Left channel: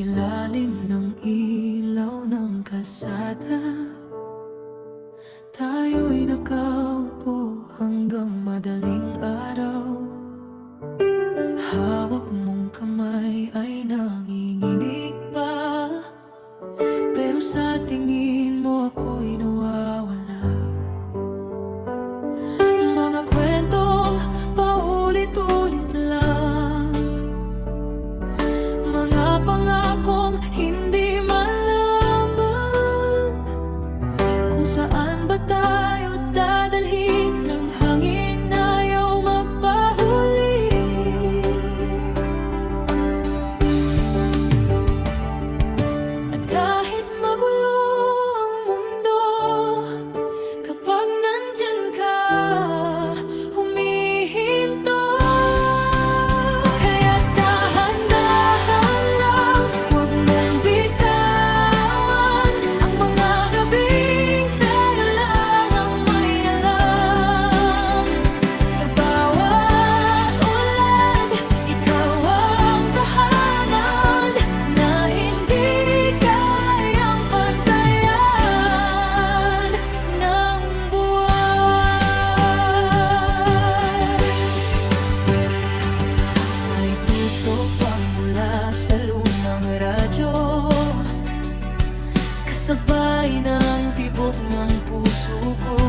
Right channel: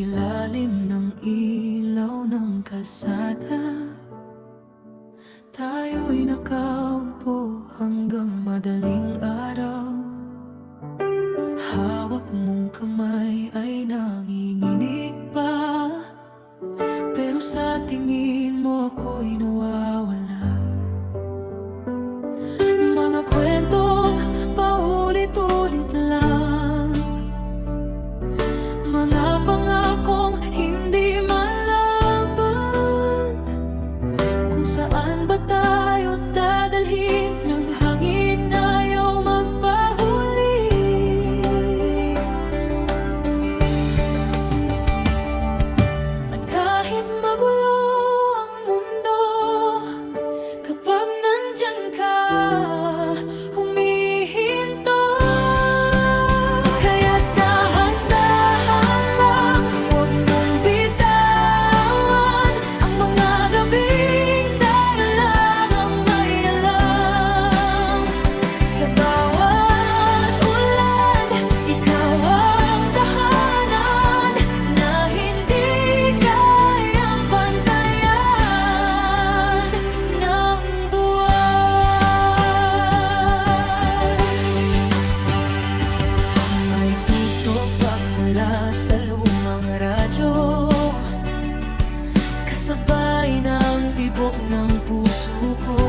ilalim ng ilaw ng kalsada, tayo'y nakaupo hanggang madaling araw. Hawak mong kamay ay nanginginig pa, pero sa tingin mo ako'y nawawala. Mga kwentong paulit-ulit lang, mga pangakong hindi malaman, kung saan ba tayo dadalhin ng hangin na ayaw magpahuli. At kahit magulo ang mundo, kapag nandyan ka, humihinto. Kaya't dahan-dahan lang, huwag mong bitawan ang mga gabing tayo lang ang may alam. Sa bawat ulan, ikaw ang tahanan na hindi kayang pantayan ng buwan. May tutok pagmula sa lumang radyo, kasabay ng tibok ng puso ko.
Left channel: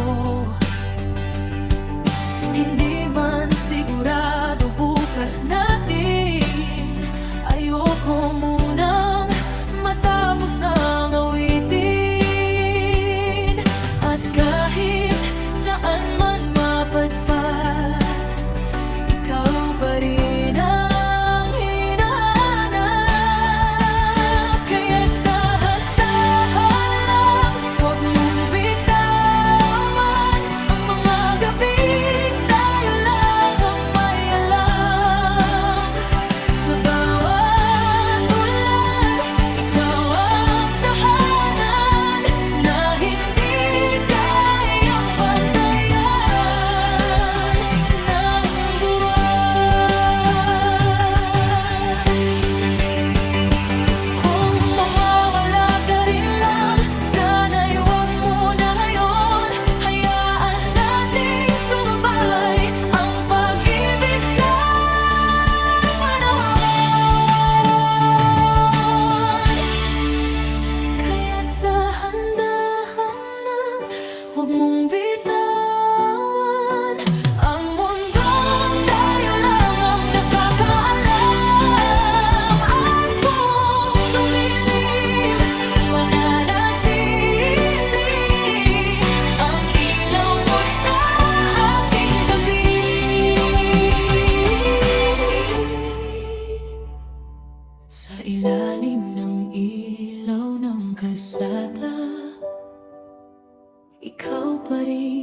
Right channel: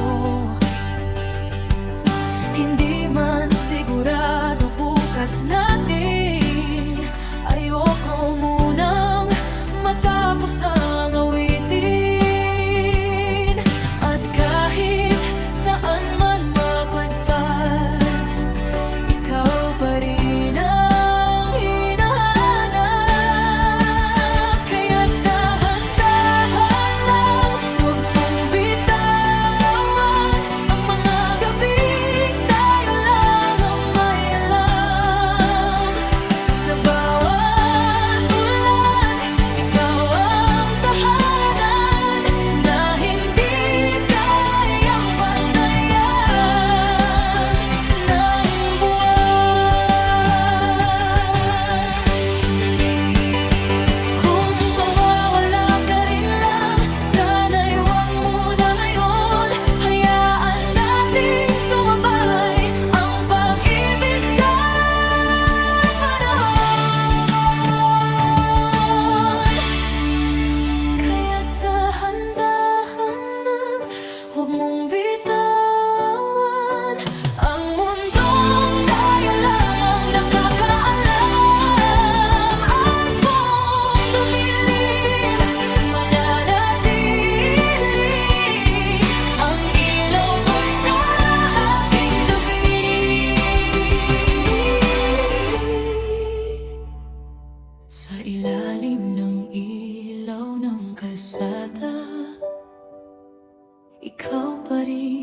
Hindi man sigurado bukas natin, ayoko munang matapos ang awitin. At kahit saan man mapadpad, ikaw pa rin ang hinahanap. Kaya't dahan-dahan lang, huwag mong bitawan ang mga gabing tayo lang ang may alam. Sa bawat ulan, ikaw ang tahanan na hindi kayang pantayan ng buwan. Kung mawawala ka rin lang, sana'y huwag muna ngayon. Hayaan nating sumabay ang pag-ibig sa panahon. Kaya't dahan-dahan lang, huwag mong bitawan ang mundong tayo lang ang nakakaalam. At kung dumilim, mananatili ang ilaw mo sa aking tabi. Sa ilalim ng ilaw ng kalsada, ikaw pa rin